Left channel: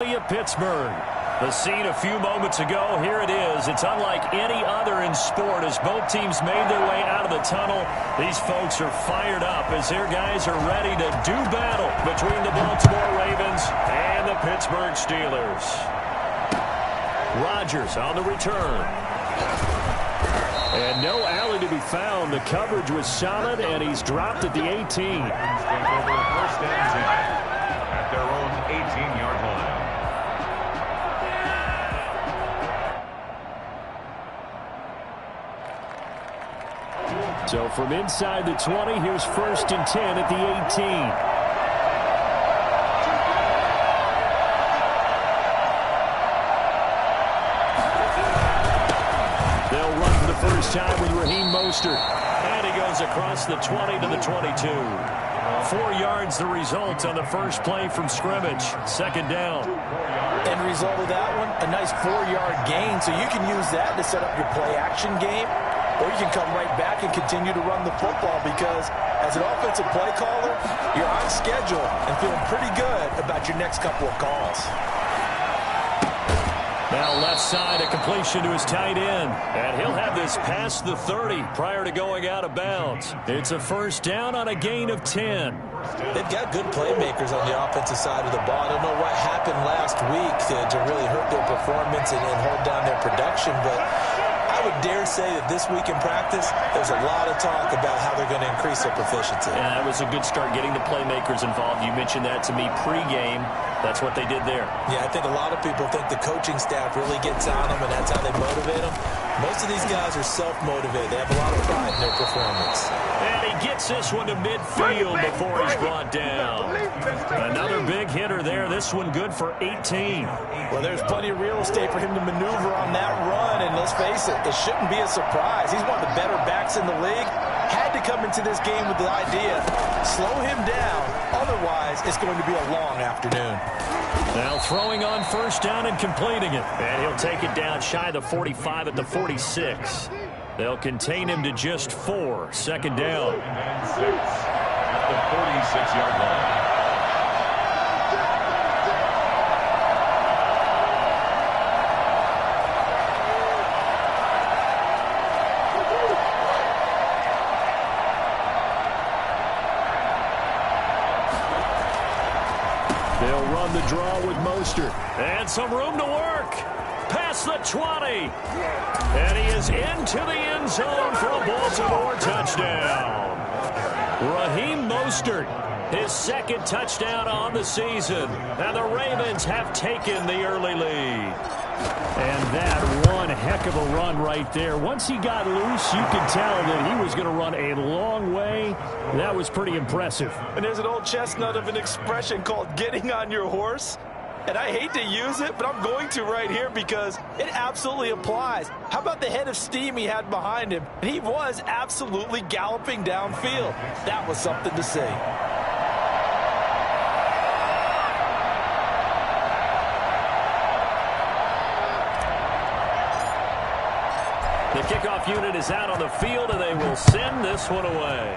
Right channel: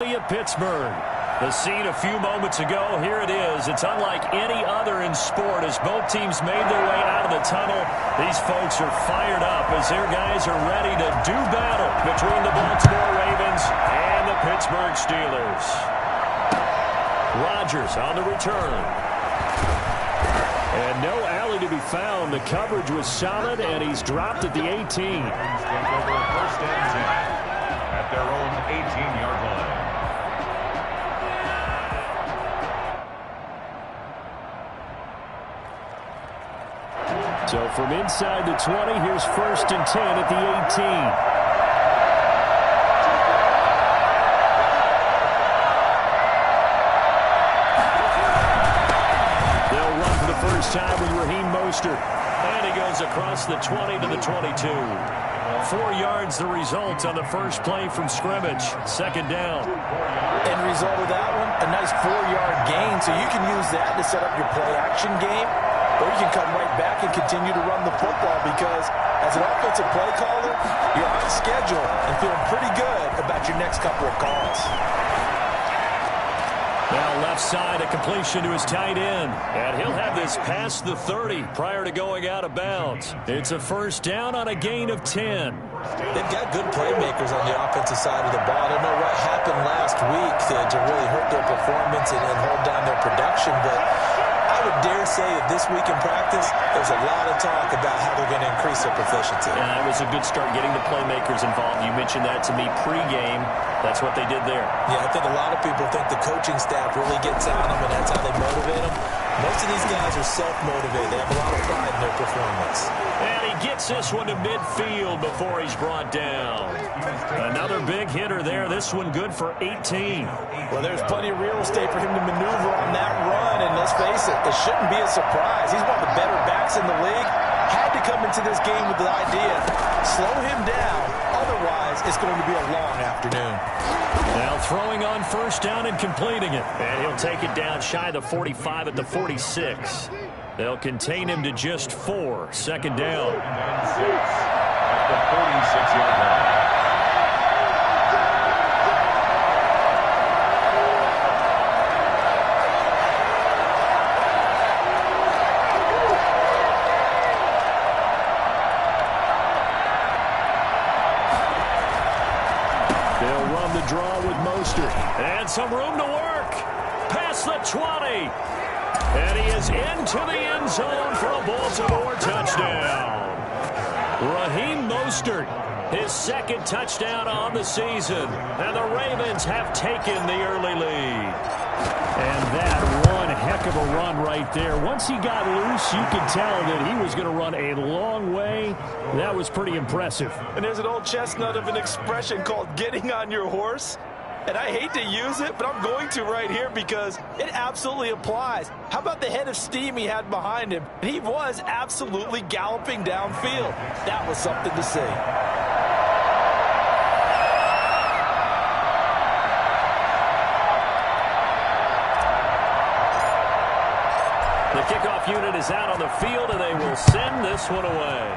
Pittsburgh. The scene a few moments ago, here it is. It's unlike any other in sport as both teams made their way out of the tunnel. These folks are fired up as their guys are ready to do battle between the Baltimore Ravens and the Pittsburgh Steelers. Rodgers on the return. And no alley to be found. The coverage was solid, and he's dropped at the 18. First and 10 at their own 18-yard line. So from inside the 20, here's 1st and 10 at the 18. They'll run for the first time with Raheem Mostert. And he goes across the 20 to the 22. 4 yards the result on the first play from scrimmage. 2nd down. End result of that one, a nice 4-yard gain. So you can use that to set up your play-action game. Or you can come right back and continue to run the football because as an offensive play caller, you're on schedule and feeling pretty good about your next couple of calls. Now left side, a completion to his tight end. And he'll have this past the 30 prior to going out of bounds. It's a first down on a gain of 10. They've got good playmakers on the offensive side of the ball. I don't know what happened last week to really hurt their performance and hold down their production, but I would dare say that this week in practice, there's a lot of talk about how they're going to increase their proficiency. Yeah, that was a good start getting the playmakers involved. You mentioned that to me pregame. That's what they did there. Yeah, I think a lot of people think the coaching staff really gets on them, and that's how they motivate them. Most of these guys are self-motivated. They have a lot of pride in their performance. And he gets this one to midfield before he's brought down. Another big hitter there. This one good for 18. Well, there's plenty of real estate for him to maneuver on that run, and let's face it, it shouldn't be a surprise. He's one of the better backs in the league. Had to come into this game with the idea, slow him down, otherwise it's going to be a long afternoon. Now throwing on first down and completing it. And he'll take it down shy of the 45 at the 46. They'll contain him to just 4. 2nd down. And 6 at the 46-yard line. They'll run the draw with Mostert. And some room to work. Past the 20. And he is into the end zone for a Baltimore touchdown. Raheem Mostert, his 2nd touchdown on the season. And the Ravens have taken the early lead. And that one heck of a run right there. Once he got loose, you could tell that he was going to run a long way. That was pretty impressive. And there's an old chestnut of an expression called getting on your horse. And I hate to use it, but I'm going to right here because it absolutely applies. How about the head of steam he had behind him? And he was absolutely galloping downfield. That was something to see. The kickoff unit is out on the field, and they will send this one away.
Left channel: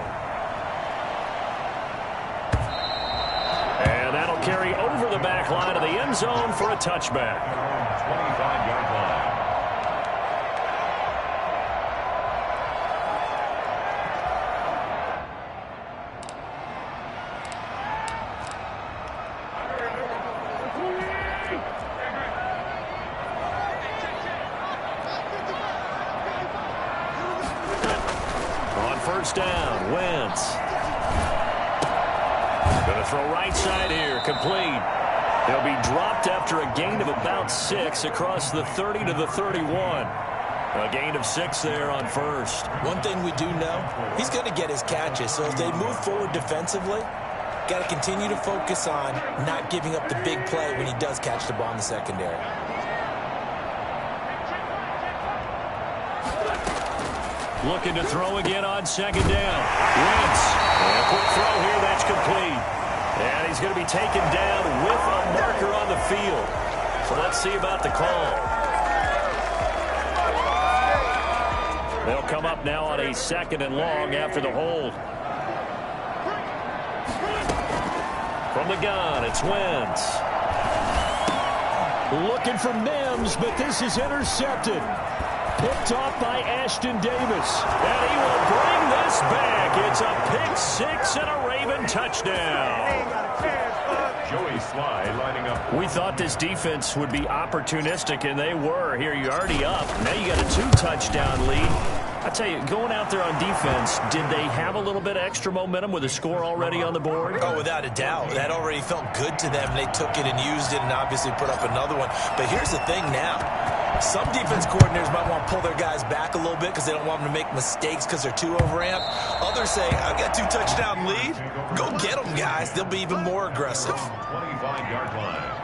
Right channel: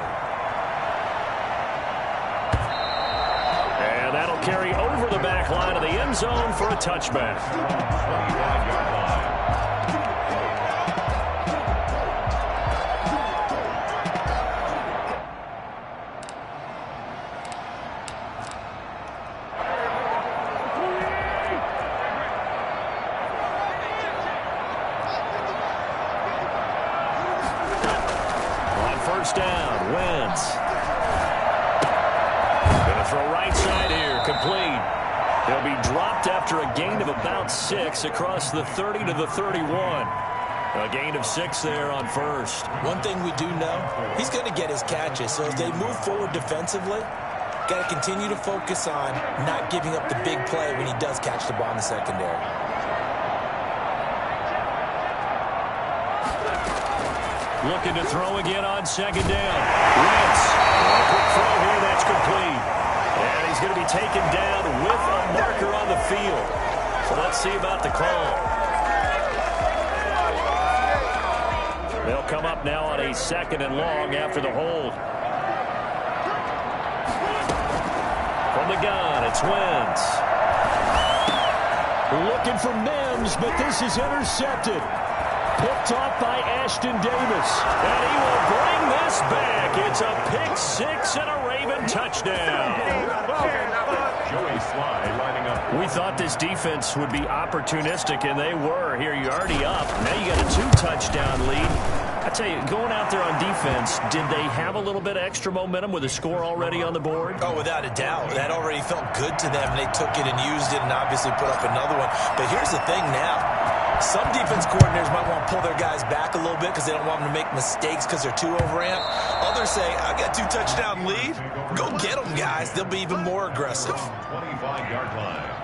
And that'll carry over the back line of the end zone for a touchback. 25-yard line. On first down, Wentz. Going to throw right side here, complete. He'll be dropped after a gain of about 6 across the 30 to the 31. A gain of 6 there on first. One thing we do know, he's going to get his catches. So as they move forward defensively, got to continue to focus on not giving up the big play when he does catch the ball in the secondary. Looking to throw again on 2nd down. Wentz. A quick throw here, that's complete. And he's going to be taken down with a marker on the field. So let's see about the call. They'll come up now on a 2nd and long after the hold. From the gun, it's Wentz. Looking for Mims, but this is intercepted. Picked off by Ashton Davis. And he will bring this back. It's a pick six and a Raven touchdown. Joey Sly lining up. We thought this defense would be opportunistic, and they were. Here, you're already up. Now you got a 2-touchdown lead. I tell you, going out there on defense, did they have a little bit of extra momentum with a score already on the board? Oh, without a doubt. That already felt good to them. They took it and used it and obviously put up another one. But here's the thing now. Some defense coordinators might want to pull their guys back a little bit because they don't want them to make mistakes because they're too overamped. Others say, I've got 2-touchdown lead. Go get them, guys. They'll be even more aggressive. 25-yard line.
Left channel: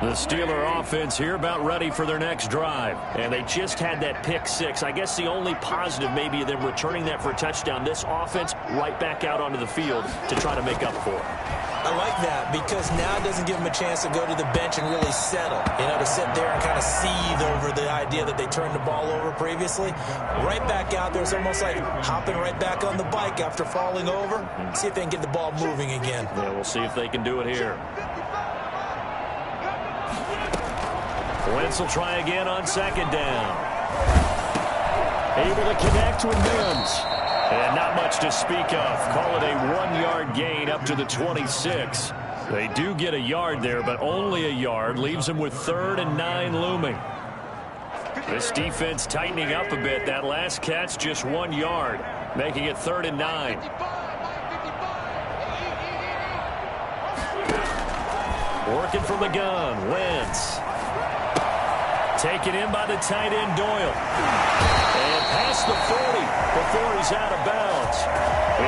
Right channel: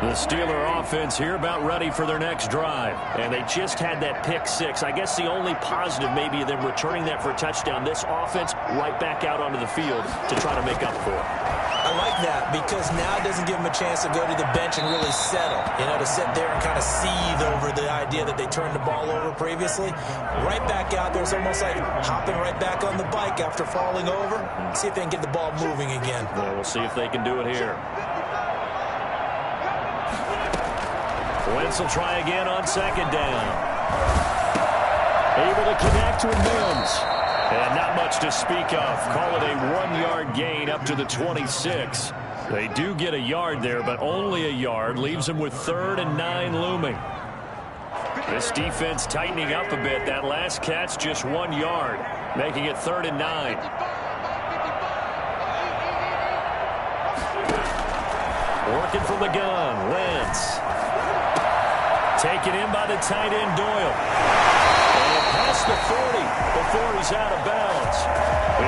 The Steeler offense here about ready for their next drive. And they just had that pick six. I guess the only positive maybe of them returning that for a touchdown. This offense right back out onto the field to try to make up for it. I like that because now it doesn't give them a chance to go to the bench and really settle. You know, to sit there and kind of seethe over the idea that they turned the ball over previously. Right back out there. It's almost like hopping right back on the bike after falling over. See if they can get the ball moving again. Yeah, we'll see if they can do it here. Wentz will try again on second down. Able to connect with Mims. And not much to speak of. Call it a 1-yard gain up to the 26. They do get a yard there, but only a yard. Leaves them with 3rd and 9 looming. This defense tightening up a bit. That last catch just 1 yard, making it 3rd and 9. Working from the gun, Wentz. Taken in by the tight end, Doyle. And past the 40 before he's out of bounds.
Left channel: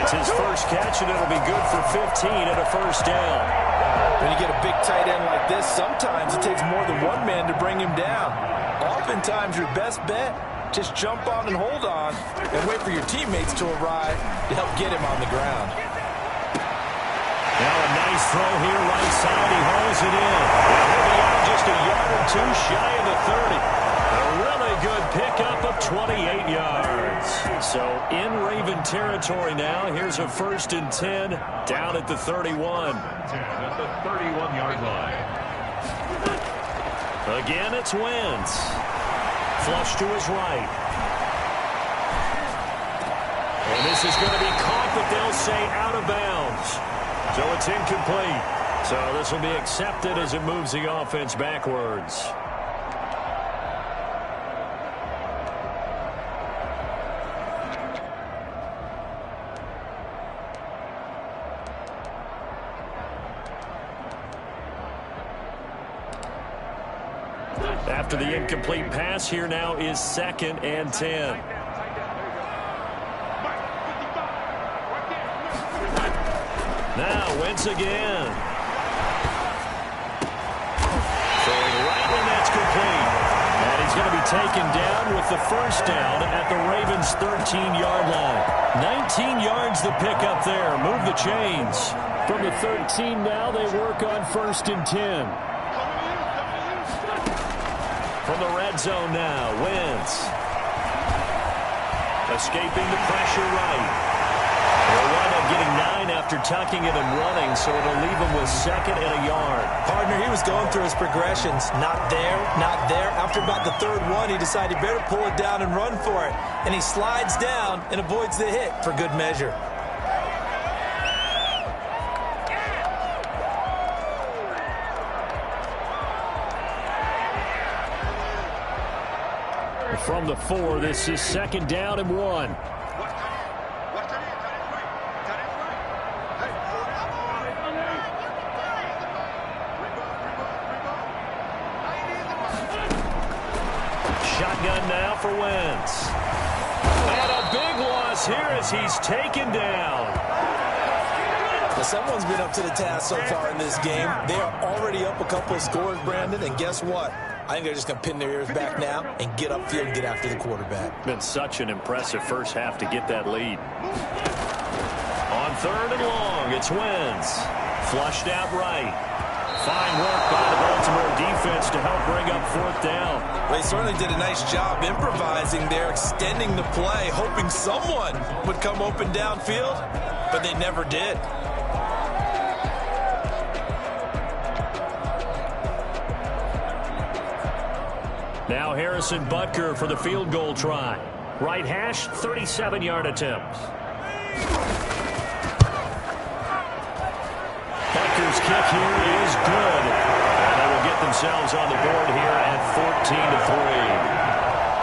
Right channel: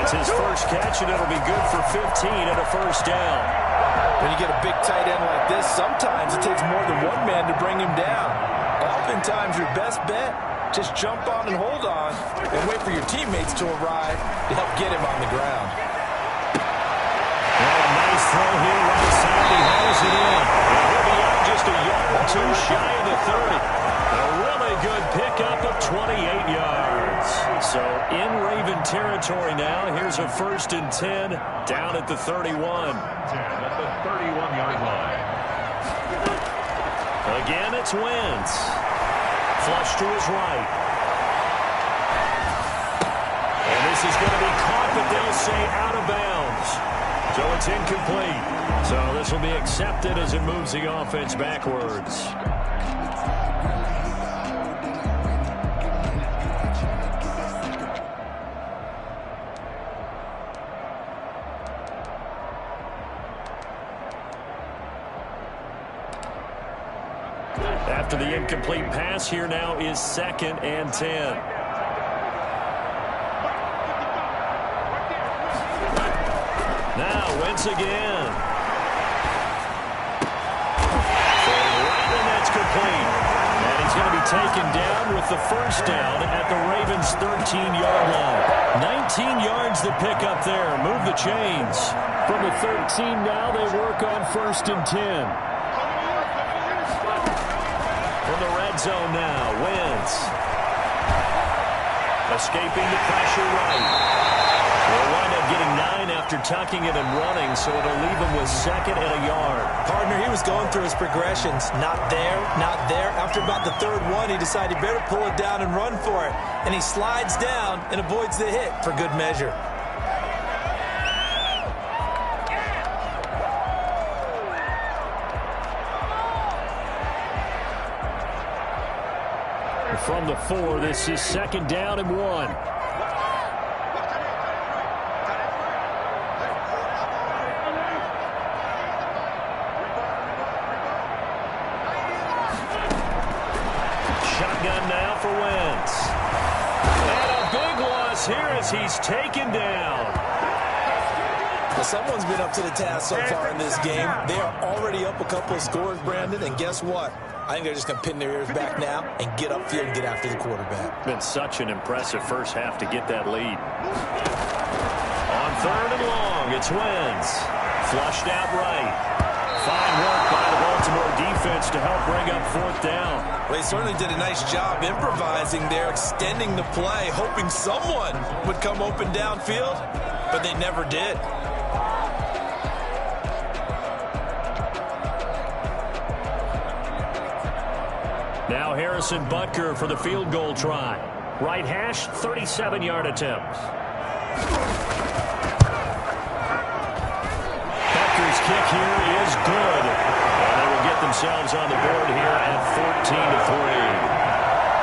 It's his first catch, and it'll be good for 15 and a first down. When you get a big tight end like this, sometimes it takes more than one man to bring him down. Oftentimes, your best bet, just jump on and hold on and wait for your teammates to arrive to help get him on the ground. Now a nice throw here right side. He hauls it in. And he'll be out just a yard or two shy of the 30. A really good pickup of 28 yards. So in Raven territory now. Here's a 1st and 10 down at the 31. 10 at the 31-yard line. Again, it's Wentz. Flush to his right. And this is going to be caught, but they'll say out of bounds. So it's incomplete. So this will be accepted as it moves the offense backwards. After the incomplete pass, here now is 2nd and 10. Now Wentz again. Throwing right, and that's complete. And he's going to be taken down with the first down at the Ravens' 13-yard line. 19 yards to pick up there. Move the chains. From the 13 now, they work on 1st and 10. From the red zone now, Wentz. Escaping the pressure right. They'll wind up getting 9 after tucking it and running, so it'll leave him with 2nd and a yard. Partner, he was going through his progressions. Not there, not there. After about the 3rd one, he decided he better pull it down and run for it. And he slides down and avoids the hit for good measure. From the 4, this is 2nd down and 1. Shotgun now for Wentz. And a big loss here as he's taken down. Well, someone's been up to the task so far in this game. They are already up a couple of scores, Brandon, and guess what? I think they're just going to pin their ears back now and get upfield and get after the quarterback. Been such an impressive first half to get that lead. On 3rd and long, it's Wentz. Flushed out right. Fine work by the Baltimore defense to help bring up 4th down. Well, they certainly did a nice job improvising there, extending the play, hoping someone would come open downfield. But but they never did. Now Harrison Butker for the field goal try. Right hash, 37-yard attempt. Butker's kick here is good. And they will get themselves on the board here at 14-3.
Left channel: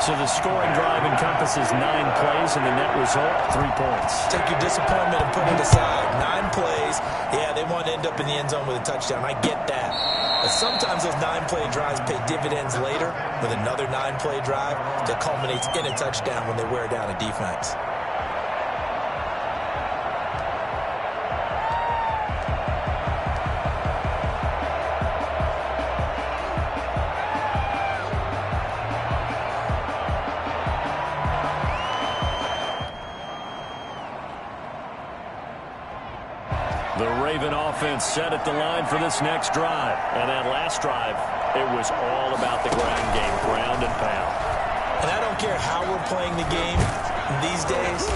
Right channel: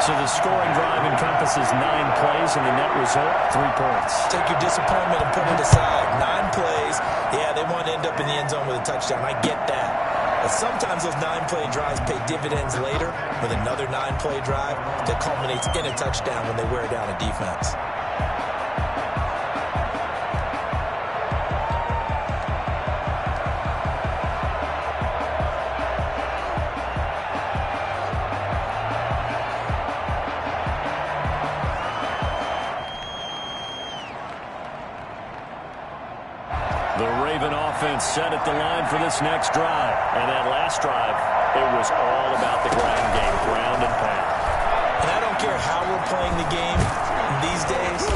So the scoring drive encompasses 9 plays, and the net result, 3 points. Take your disappointment and put it aside. 9 plays. Yeah, they want to end up in the end zone with a touchdown. I get that. But sometimes those 9-play drives pay dividends later with another 9-play drive that culminates in a touchdown when they wear down a defense. The Raven offense set at the line for this next drive. And that last drive, it was all about the ground game, ground and pound. And I don't care how we're playing the game these days,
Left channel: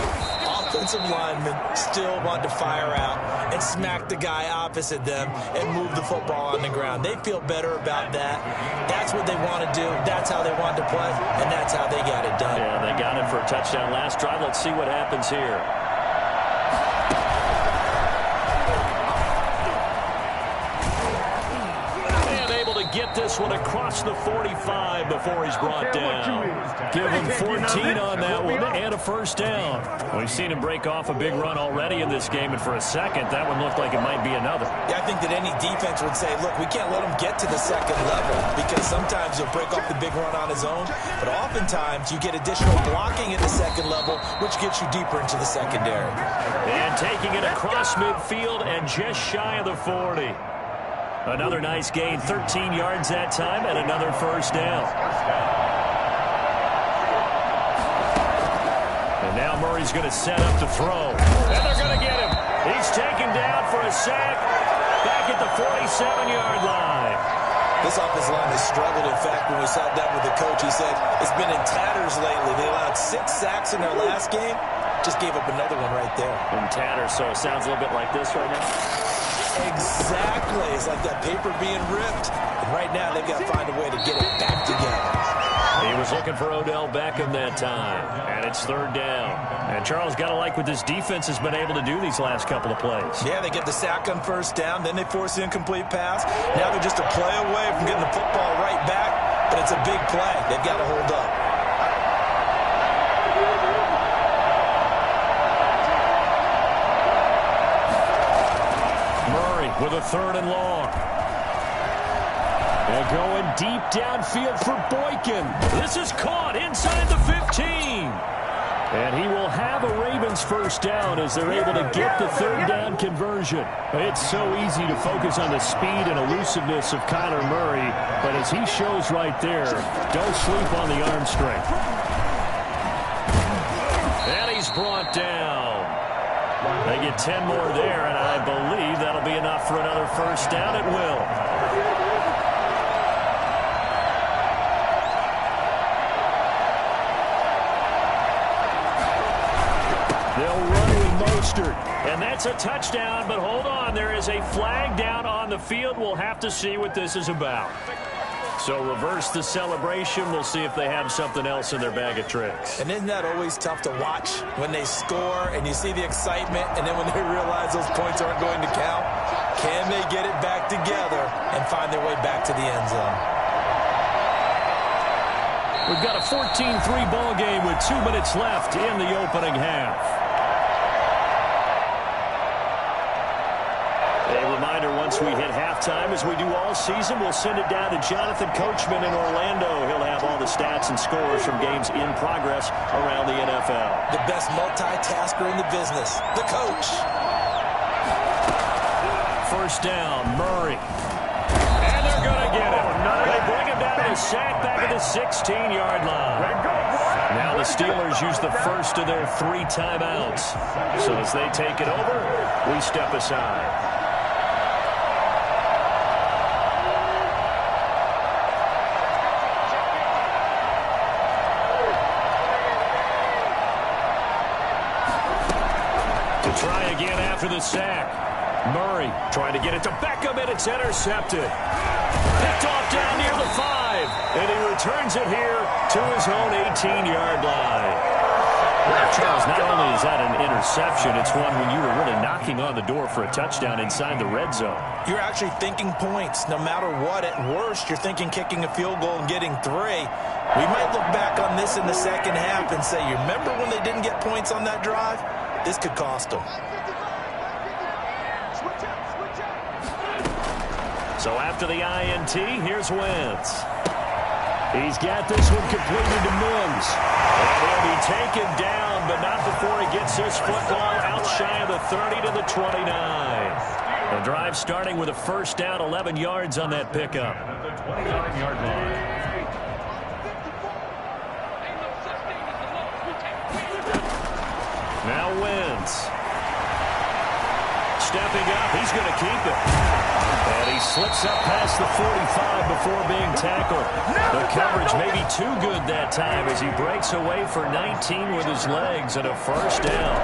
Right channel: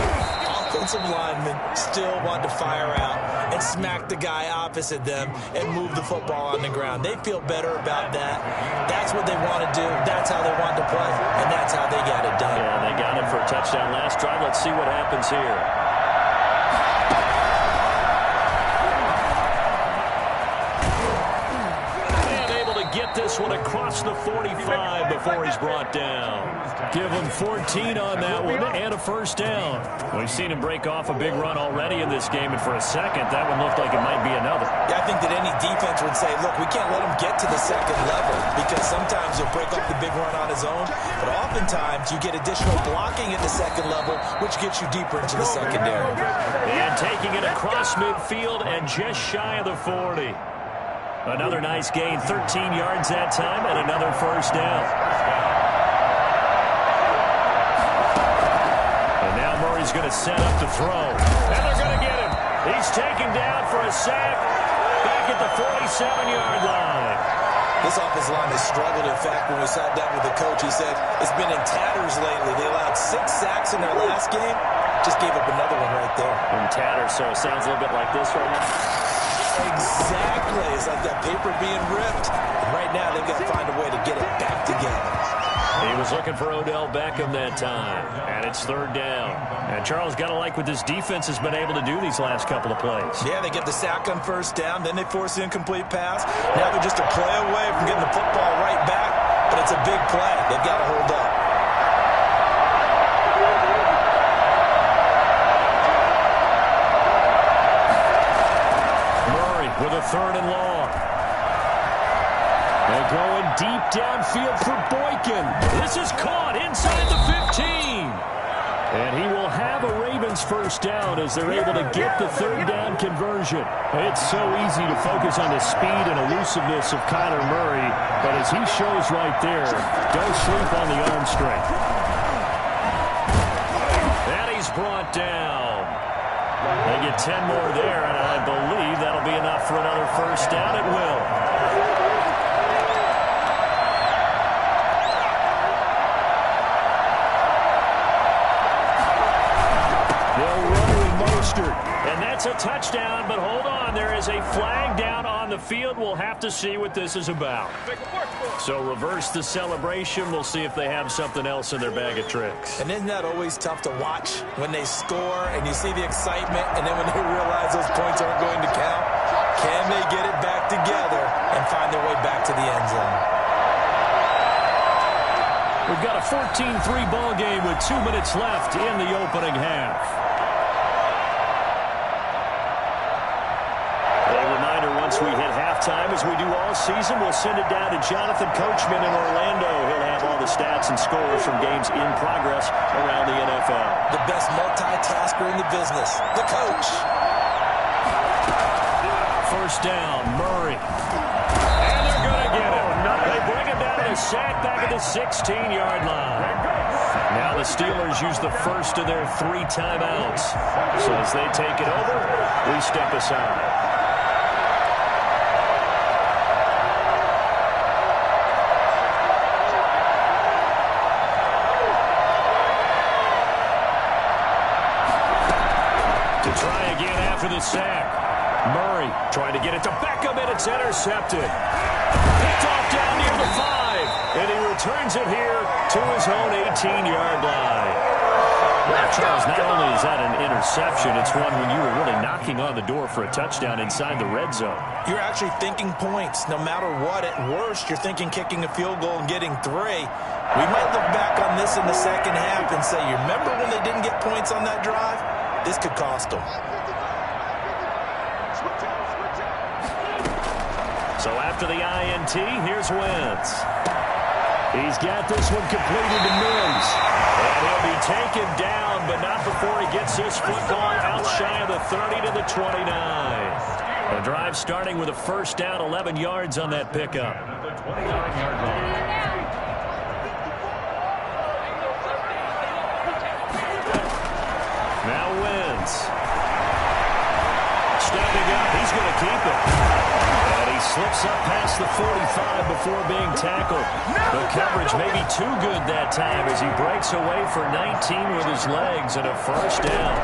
offensive linemen still want to fire out and smack the guy opposite them and move the football on the ground. They feel better about that. That's what they want to do. That's how they want to play, and that's how they got it done. Yeah, they got it for a touchdown last drive. Let's see what happens here. Get this one across the 45 before he's brought down. Give him 14 on that one and a first down. We've seen him break off a big run already in this game, and for a second, that one looked like it might be another. Yeah, I think that any defense would say, look, we can't let him get to the second level because sometimes he'll break off the big run on his own, but oftentimes you get additional blocking at the second level, which gets you deeper into the secondary. And taking it across midfield and just shy of the 40. Another nice gain, 13 yards that time, and another first down. And now Murray's going to set up to throw. And they're going to get him. He's taken down for a sack back at the 47-yard line. This offensive line has struggled. In fact, when we sat down with the coach, he said it's been in tatters lately. They allowed 6 sacks in their last game. Just gave up another one right there. In tatters, so it sounds a little bit like this right now. Exactly. It's like that paper being ripped. And right now, they've got to find a way to get it back together. He was looking for Odell Beckham that time. And it's third down. And Charles, got to like what this defense has been able to do these last couple of plays. Yeah, they get the sack on first down. Then they force the incomplete pass. Now they're just a play away from getting the football right back. But it's a big play. They've got to hold up. With a third and long. And going deep downfield for Boykin. This is caught inside the 15. And he will have a Ravens first down as they're able to get the third down conversion. It's so easy to focus on the speed and elusiveness of Kyler Murray, but as he shows right there, don't sleep on the arm strength. And he's brought down. They get 10 more there, and I believe that'll be enough for another first down. It will. They'll run with Mostert, and that's a touchdown, but hold on. There is a flag down on the field. We'll have to see what this is about. So reverse the celebration. We'll see if they have something else in their bag of tricks. And isn't that always tough to watch when they score and you see the excitement, and then when they realize those points aren't going to count? Can they get it back together and find their way back to the end zone? We've got a 14-3 ball game with 2 minutes left in the opening half. A reminder, once we hit halftime, as we do all season, we'll send it down to Jonathan Coachman in Orlando. He'll have all the stats and scores from games in progress around the NFL. The best multitasker in the business, the coach. First down, Murray. And they're going to get him. They bring him down to the sack back at the 16-yard line. Now the Steelers use the first of their 3 timeouts. So as they take it over, we step aside. Try again After the sack, Murray trying to get it to Beckham, and it's intercepted. Picked off down near the 5, and he returns it here to his own 18-yard line. Well, Charles, not only is that an interception, it's one when you were really knocking on the door for a touchdown inside the red zone. You're actually thinking points. No matter what, at worst, you're thinking kicking a field goal and getting 3. We might look back on this in the second half and say, you remember when they didn't get points on that drive? This could cost them. So after the INT, here's Wentz. He's got this one completed to Mims. And he'll be taken down, but not before he gets this football out shy of the 30 to the 29. The drive starting with a first down, 11 yards on that pickup. At the 29-yard line. Now Wentz. Stepping up, he's going to keep it. And he slips up past the 45 before being tackled. The coverage may be too good that time as he breaks away for 19 with his legs and a first down.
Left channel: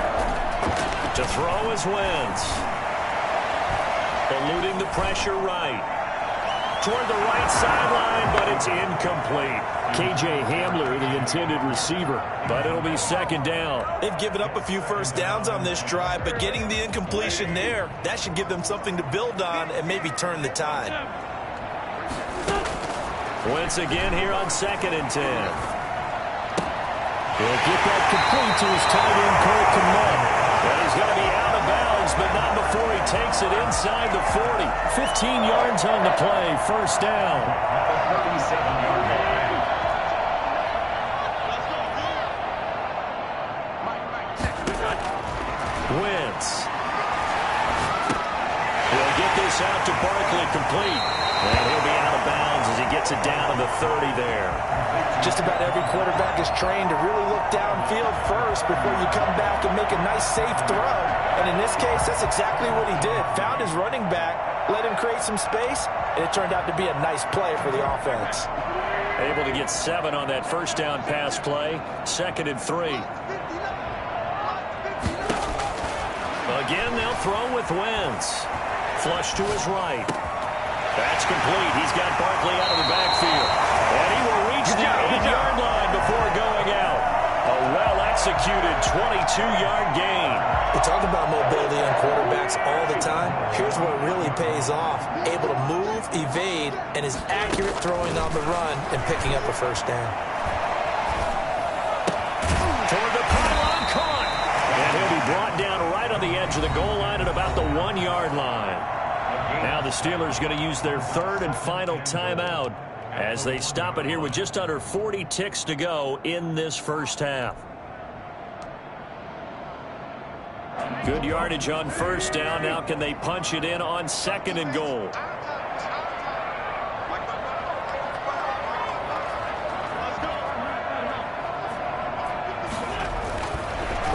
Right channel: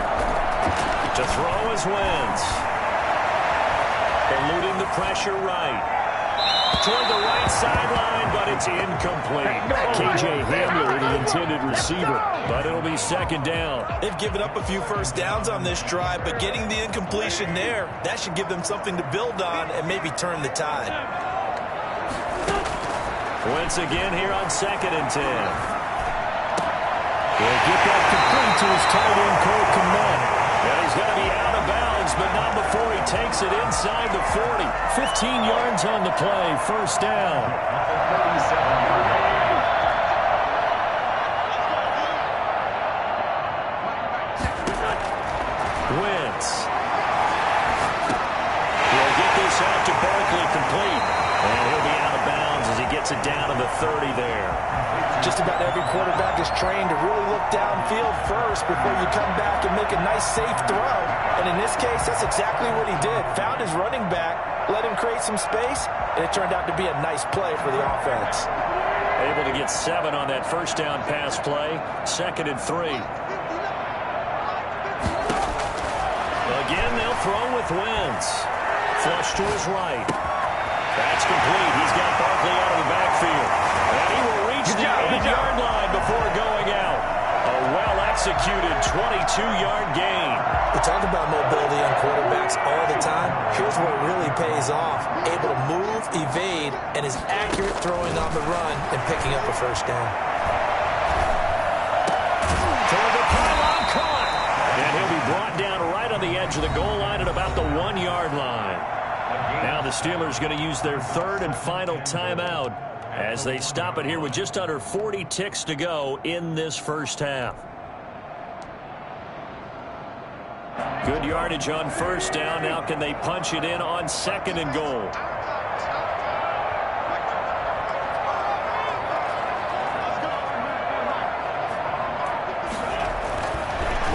To throw is Wentz. Eluding the pressure right. Toward the right sideline, but it's incomplete. K.J. Hamler, the intended receiver, but it'll be second down. They've given up a few first downs on this drive, but getting the incompletion there, that should give them something to build on and maybe turn the tide. Once again here on 2nd and 10. He'll get that complete to his tight end, Cole Kmet. And he's going to be out of bounds, but not before he takes it inside the 40. 15 yards on the play, first down. At the 37-yard line. Wentz. He'll get this out to Barkley complete. And he'll be out of bounds as he gets it down to the 30 there. Just about every quarterback is trained to really look downfield first before you come back and make a nice, safe throw. And in this case, that's exactly what he did. Found his running back, let him create some space, and it turned out to be a nice play for the offense. Able to get 7 on that first down pass play. 2nd and 3. Again, they'll throw with Wentz. Flush to his right. That's complete. He's got Barkley out of the backfield. And he will reach the 8-yard line before going out. A well-executed 22-yard gain. We talk about mobility on quarterbacks all the time. Here's where it really pays off. Able to move, evade, and is accurate throwing on the run and picking up a first down. Toward the pylon, caught. And he'll be brought down right on the edge of the goal line at about the 1-yard line. Now the Steelers going to use their 3rd and final timeout as they stop it here with just under 40 ticks to go in this first half. Good yardage on first down. Now can they punch it in on 2nd and goal?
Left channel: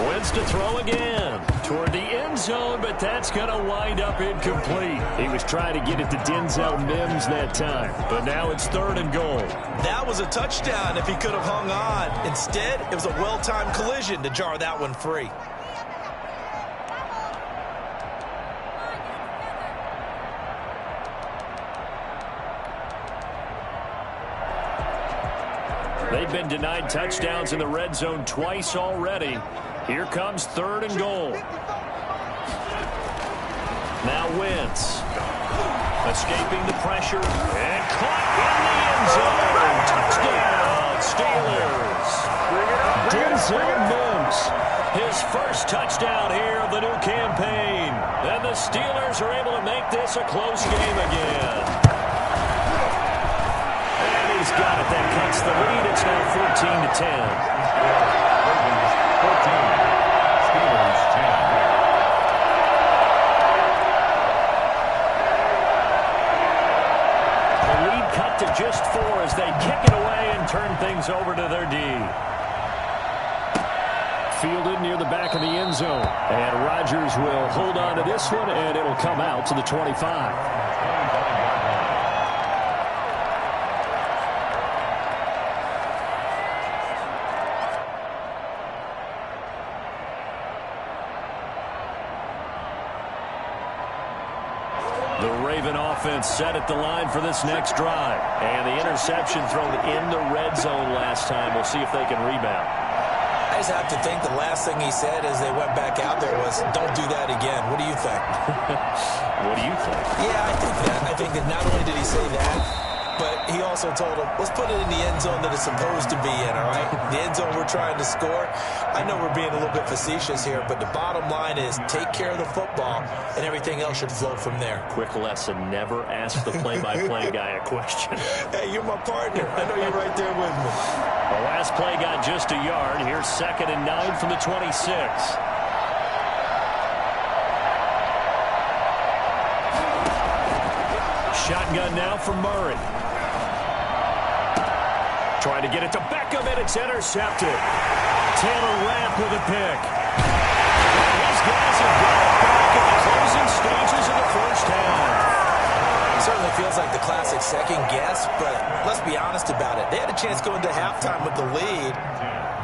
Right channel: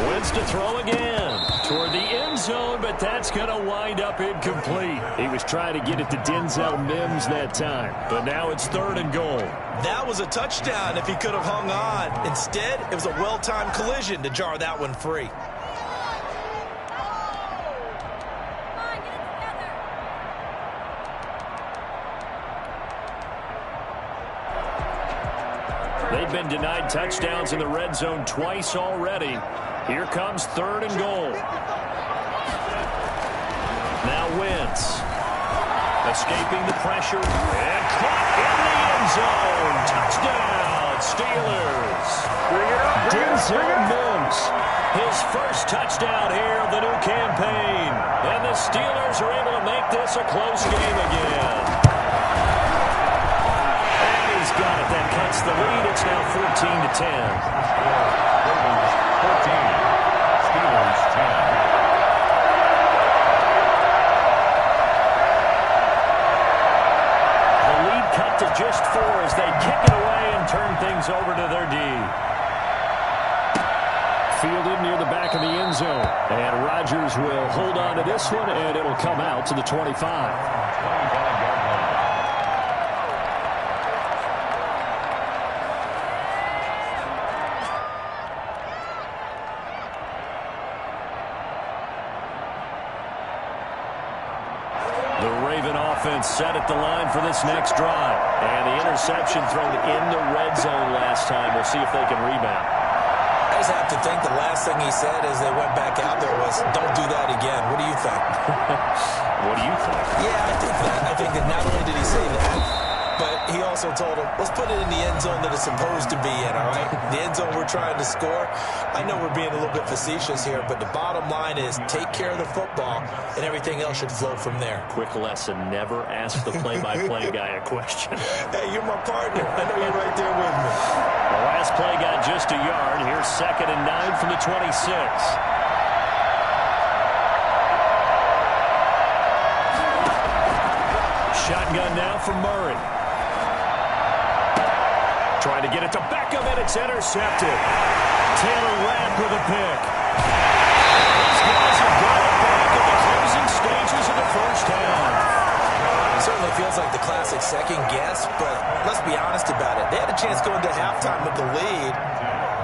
Wentz to throw again toward the end zone, but that's going to wind up incomplete. He was trying to get it to Denzel Mims that time, but now it's 3rd and goal. That was a touchdown if he could have hung on. Instead, it was a well-timed collision to jar that one free. They've been denied touchdowns in the red zone twice already. Here comes 3rd and goal. Now Wentz. Escaping the pressure. And caught in the end zone. Touchdown, Steelers. Denzel Mims. His first touchdown here of the new campaign. And the Steelers are able to make this a close game again. And he's got it. That cuts the lead. It's now 14-10. 14. Steelers 10. The lead cut to just 4 as they kick it away and turn things over to their D. Fielded near the back of the end zone. And Rodgers will hold on to this one, and it'll come out to the 25. 25-yard line. The Raven offense set at the line for this next drive. And the interception thrown in the red zone last time. We'll see if they can rebound. I just have to think the last thing he said as they went back out there was, don't do that again. What do you think? What do you think? Yeah, I think that. I think that not only did he say that, but he also told him, let's put it in the end zone that it's supposed to be in, all right? The end zone we're trying to score. I know we're being a little bit facetious here, but the bottom line is take care of the football, and everything else should flow from there. Quick lesson, never ask the play-by-play guy a question. Hey, you're my partner. I know you're right there with me. The last play got just a yard. Here's 2nd and 9 from the 26. Shotgun now for Murray. Trying to get it to Beckham, and it's intercepted. Taylor Rapp with a pick. These guys have got it back in the closing stages of the first half. It certainly feels like the classic second guess, but let's be honest about it. They had a chance going to halftime with the lead.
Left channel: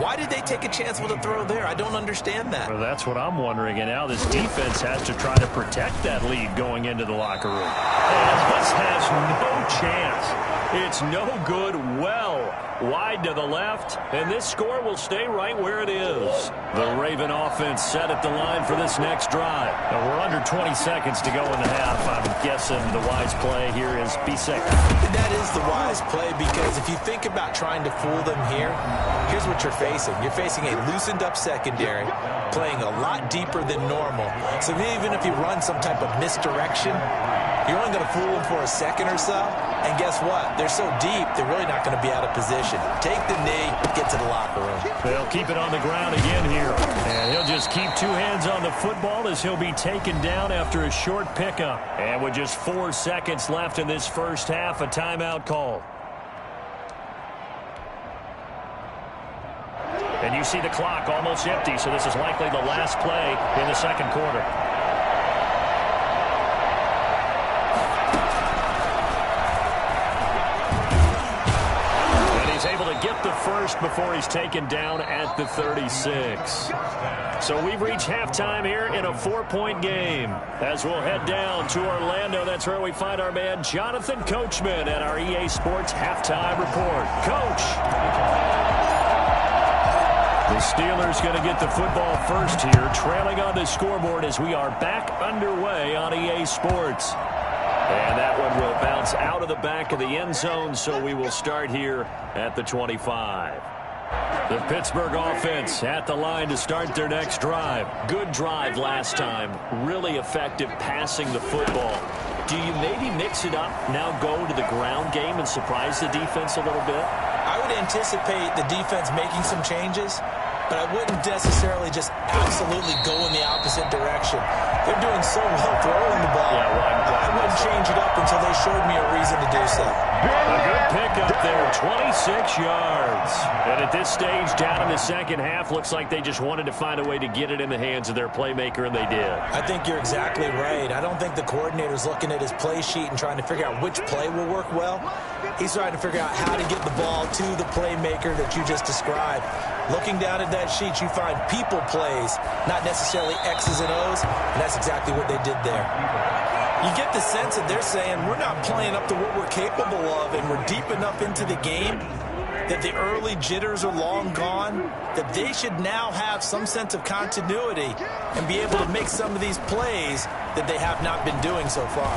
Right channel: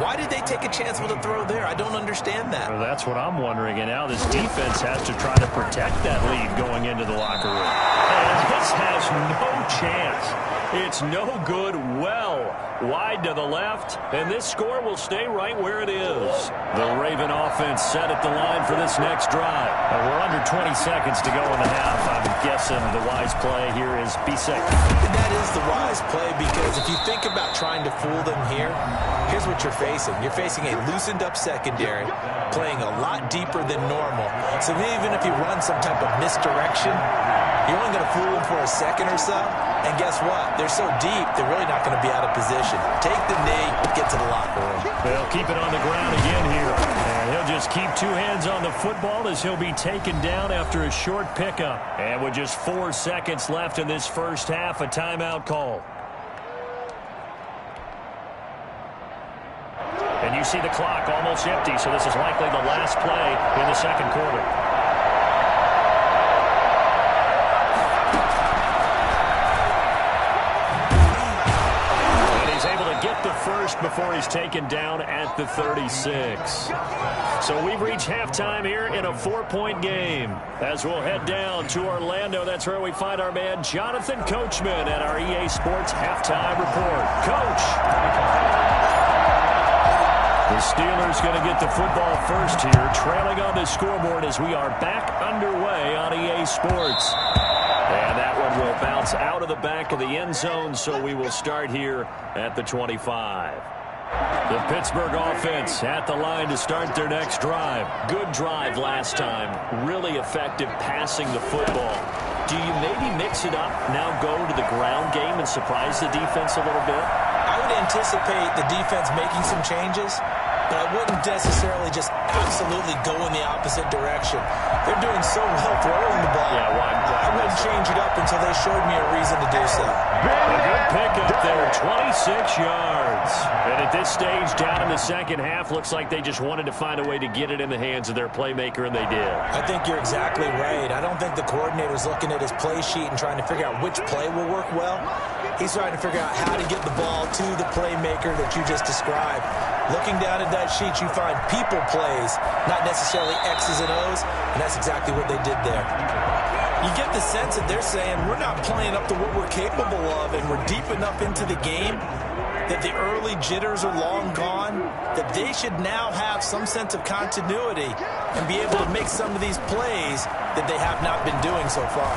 Why did they take a chance with a throw there? I don't understand that. Well, that's what I'm wondering, and now this defense has to try to protect that lead going into the locker room. And this has no chance. It's no good, well wide to the left, and this score will stay right where it is. The Raven offense set at the line for this next drive. Now, we're under 20 seconds to go in the half. I'm guessing the wise play here is be safe. That is the wise play, because if you think about trying to fool them here, here's what you're facing. You're facing a loosened up secondary, playing a lot deeper than normal. So even if you run some type of misdirection, you're only going to fool them for a second or so. And guess what? They're so deep, they're really not going to be out of position. Take the knee, get to the locker room. They'll keep it on the ground again here. And he'll just keep two hands on the football as he'll be taken down after a short pickup. And with just 4 seconds left in this first half, a timeout call. And you see the clock almost empty, so this is likely the last play in the second quarter. And he's able to get the first before he's taken down at the 36. So we've reached halftime here in a 4-point game. As we'll head down to Orlando, that's where we find our man Jonathan Coachman at our EA Sports Halftime Report. Coach. The Steelers going to get the football first here, trailing on the scoreboard as we are back underway on EA Sports. And that one will bounce out of the back of the end zone, so we will start here at the 25. The Pittsburgh offense at the line to start their next drive. Good drive last time. Really effective passing the football. Do you maybe mix it up, now go to the ground game and surprise the defense a little bit? I would anticipate the defense making some changes, but I wouldn't necessarily just absolutely go in the opposite direction. They're doing so well throwing the ball. Yeah, I wouldn't change it up until they showed me a reason to do so. A good pickup there, 26 yards. And at this stage, down in the second half, looks like they just wanted to find a way to get it in the hands of their playmaker, and they did. I think you're exactly right. I don't think the coordinator's looking at his play sheet and trying to figure out which play will work well. He's trying to figure out how to get the ball to the playmaker that you just described. Looking down at that sheet, you find people plays, not necessarily X's and O's, and that's exactly what they did there. You get the sense that they're saying, we're not playing up to what we're capable of, and we're deep enough into the game that the early jitters are long gone, that they should now have some sense of continuity and be able to make some of these plays that they have not been doing so far.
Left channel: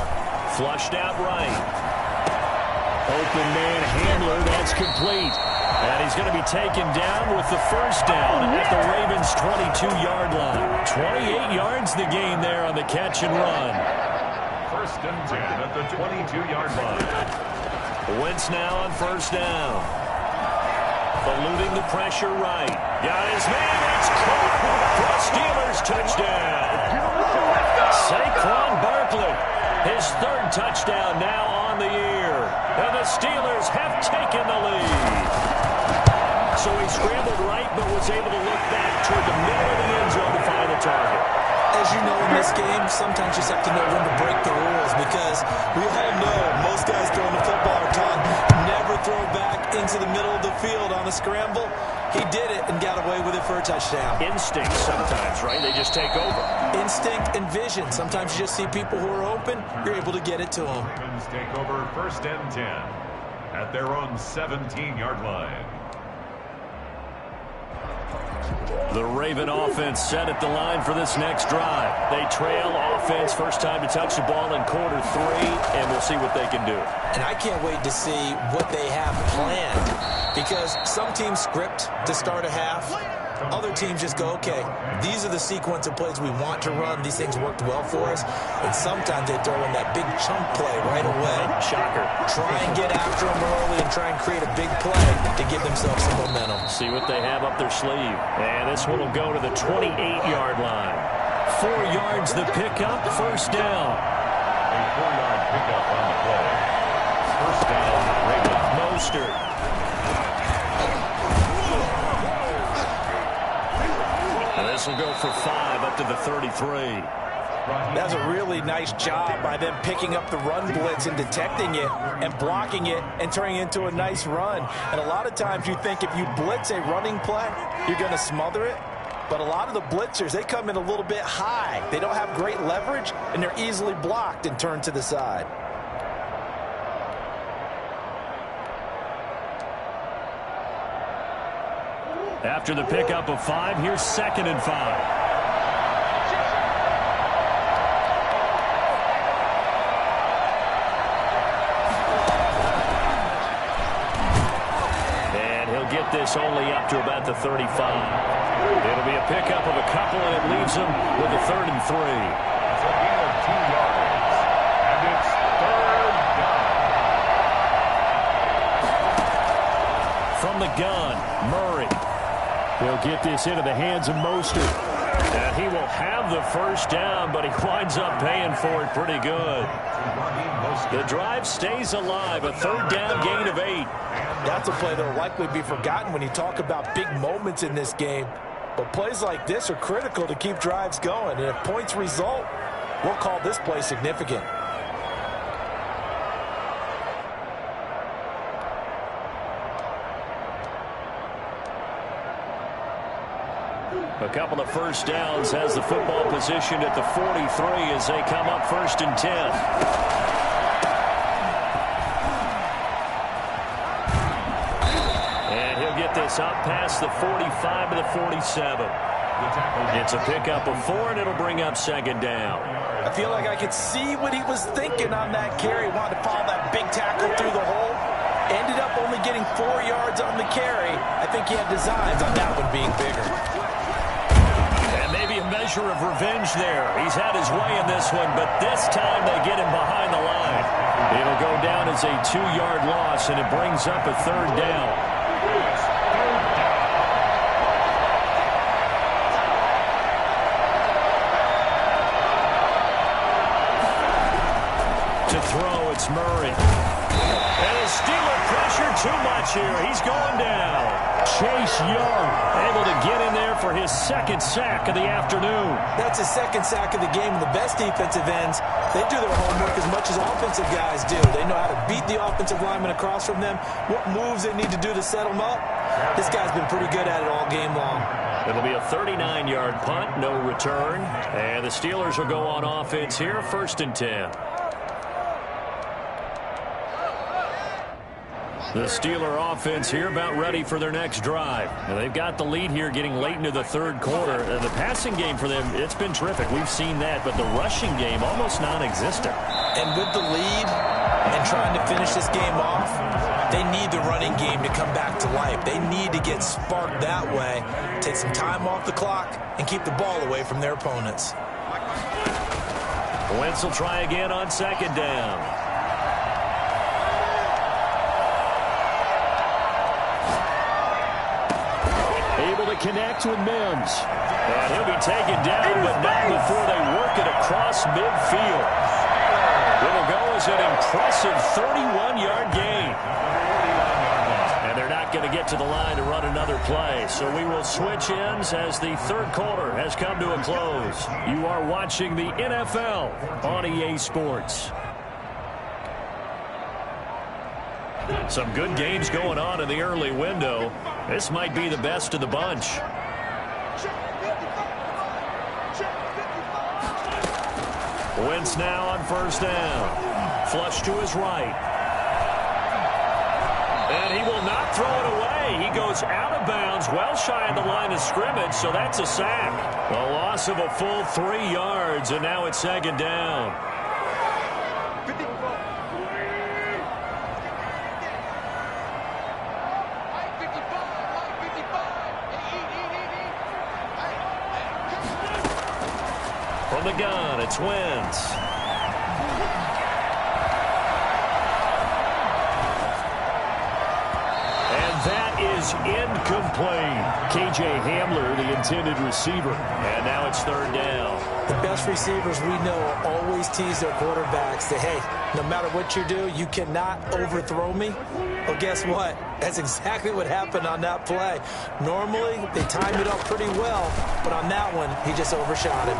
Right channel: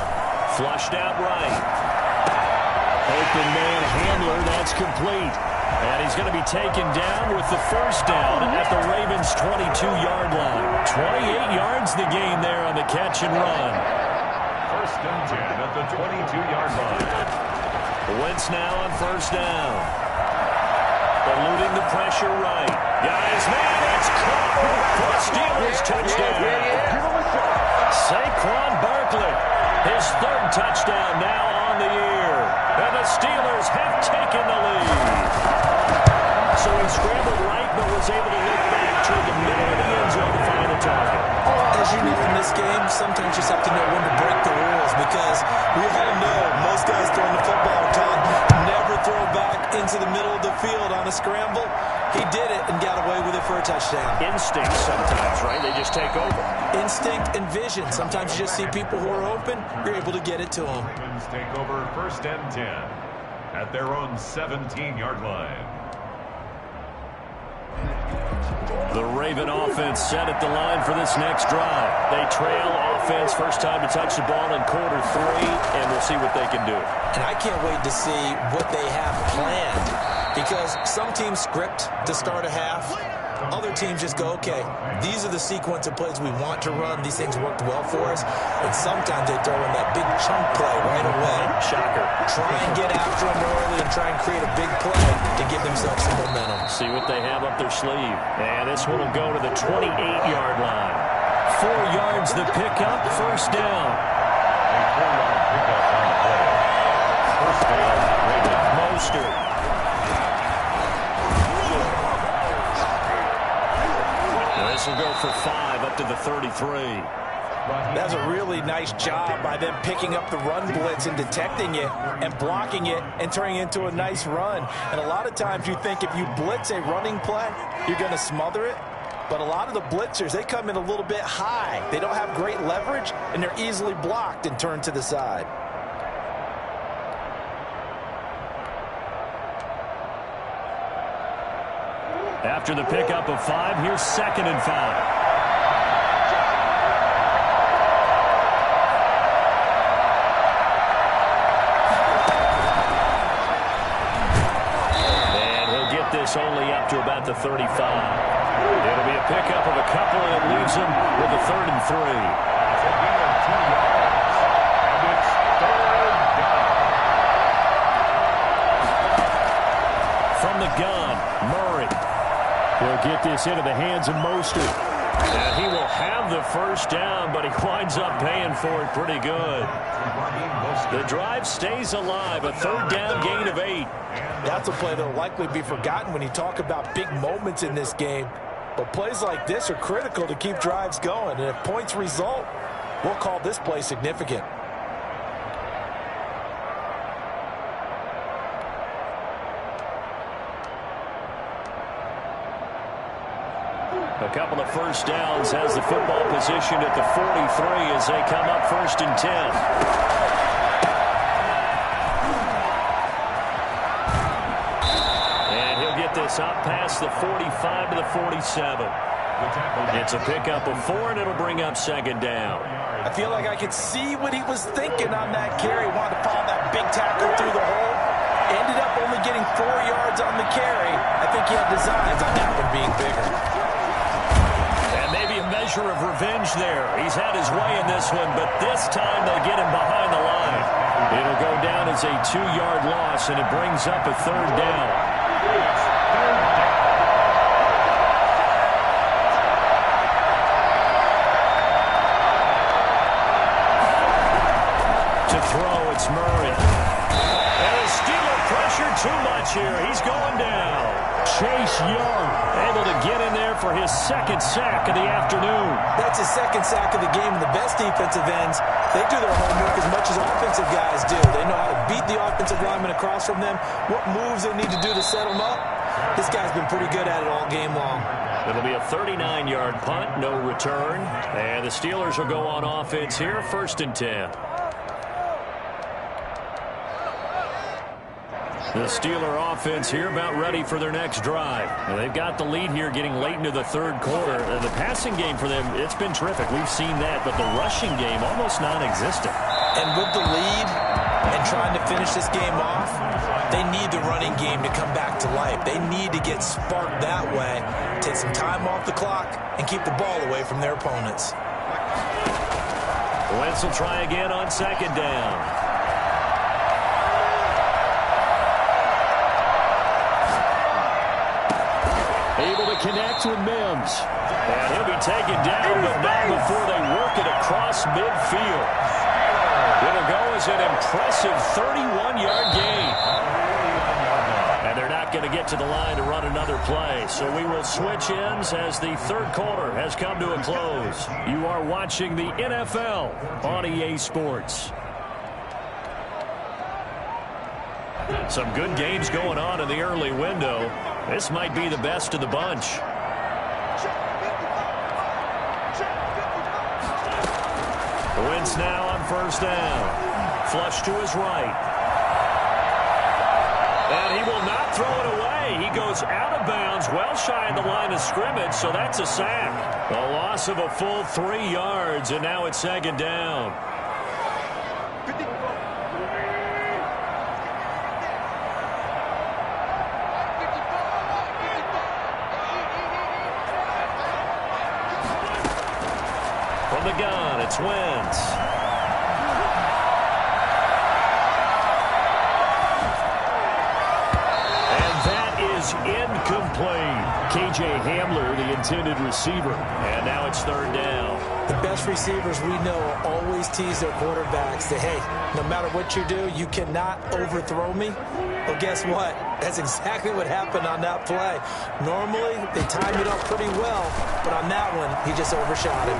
Flushed out right. Open man handler, that's complete. And he's going to be taken down with the first down at the Ravens' 22-yard line. 28 yards the gain there on the catch and run. 1st and 10 at the 22-yard line. Wentz now on first down. Eluding the pressure right. Got his man, it's caught for a Steelers touchdown. Saquon Barkley, his 3rd touchdown now on the year. And the Steelers have taken the lead. So he scrambled right, but was able to look back toward the middle of the end zone to find a target. As you know, in this game, sometimes you just have to know when to break the rules, because we all know most guys throwing the football are taught never a throw back into the middle of the field on a scramble. He did it and got away with it for a touchdown. Instinct sometimes, right? They just take over. Instinct and vision. Sometimes you just see people who are open. You're able to get it to them. Ravens take over 1st and 10 at their own 17-yard line. The Raven offense set at the line for this next drive. They trail offense, first time to touch the ball in quarter 3, and we'll see what they can do. And I can't wait to see what they have planned, because some teams script to start a half. Other teams just go, okay, these are the sequence of plays we want to run. These things worked well for us. And sometimes they throw in that big chunk play right away. Shocker. Try and get after them early and try and create a big play to give themselves some momentum. See what they have up their sleeve. And this one will go to the 28-yard line. 4 yards the pickup, first down. A 4-yard pickup on the play. First down, Ravens. Mostert. This will go for 5 up to the 33. That's a really nice job by them picking up the run blitz and detecting it and blocking it and turning it into a nice run. And a lot of times you think if you blitz a running play, you're going to smother it. But a lot of the blitzers, they come in a little bit high. They don't have great leverage, and they're easily blocked and turned to the side. After the pickup of 5, here's 2nd and 5. And he'll get this only up to about the 35. It'll be a pickup of a couple, and it leaves him with a 3rd and 3. It's a gain of 2 yards. And it's 3rd down. From the gun, Murray. He'll get this into the hands of Mostert. And he will have the first down, but he winds up paying for it pretty good. The drive stays alive, a 3rd down gain of 8. That's a play that will likely be forgotten when you talk about big moments in this game. But plays like this are critical to keep drives going. And if points result, we'll call this play significant. A couple of first downs has the football positioned at the 43 as they come up 1st and 10. And he'll get this up past the 45 to the 47. It's a pickup of 4, and it'll bring up 2nd down. I feel like I could see what he was thinking on that carry. Wanted to follow that big tackle through the hole. Ended up only getting 4 yards on the carry. I think he had designs on that one being bigger. And maybe a measure of revenge there. He's had his way in this one, but this time they get him behind the line. It'll go down as a 2-yard loss, and it brings up a 3rd down. It's 3rd down. To throw, it's Murray. And the Steeler pressure too much here. He's going down. Chase Young able to get in there for his 2nd sack of the afternoon. That's his 2nd sack of the game, and the best defensive ends, they do their homework as much as offensive guys do. They know how to beat the offensive lineman across from them, what moves they need to do to set them up. This guy's been pretty good at it all game long. It'll be a 39-yard punt, no return. And the Steelers will go on offense here, 1st and 10. The Steeler offense here about ready for their next drive. And they've got the lead here getting late into the 3rd quarter. And the passing game for them, it's been terrific. We've seen that. But the rushing game, almost non-existent. And with the lead and trying to finish this game off, they need the running game to come back to life. They need to get sparked that way, take some time off the clock, and keep the ball away from their opponents. Wentz will try again on 2nd down. Able to connect with Mims. And he'll be taken down, but not before they work it across midfield. It'll go as an impressive 31-yard gain. And they're not going to get to the line to run another play. So we will switch ends as the 3rd quarter has come to a close. You are watching the NFL on EA Sports. Some good games going on in the early window. This might be the best of the bunch. Wentz now on first down. Flush to his right. And he will not throw it away. He goes out of bounds, well shy of the line of scrimmage, so that's a sack. A loss of a full 3 yards, and now it's second down. From the gun, it's Wentz. Is incomplete. KJ Hamler, the intended receiver. And now it's third down. The best receivers we know always tease their quarterbacks that, hey, no matter what you do, you cannot overthrow me. Well, guess what? That's exactly what happened on that play. Normally, they time it up pretty well, but on that one, he just overshot him.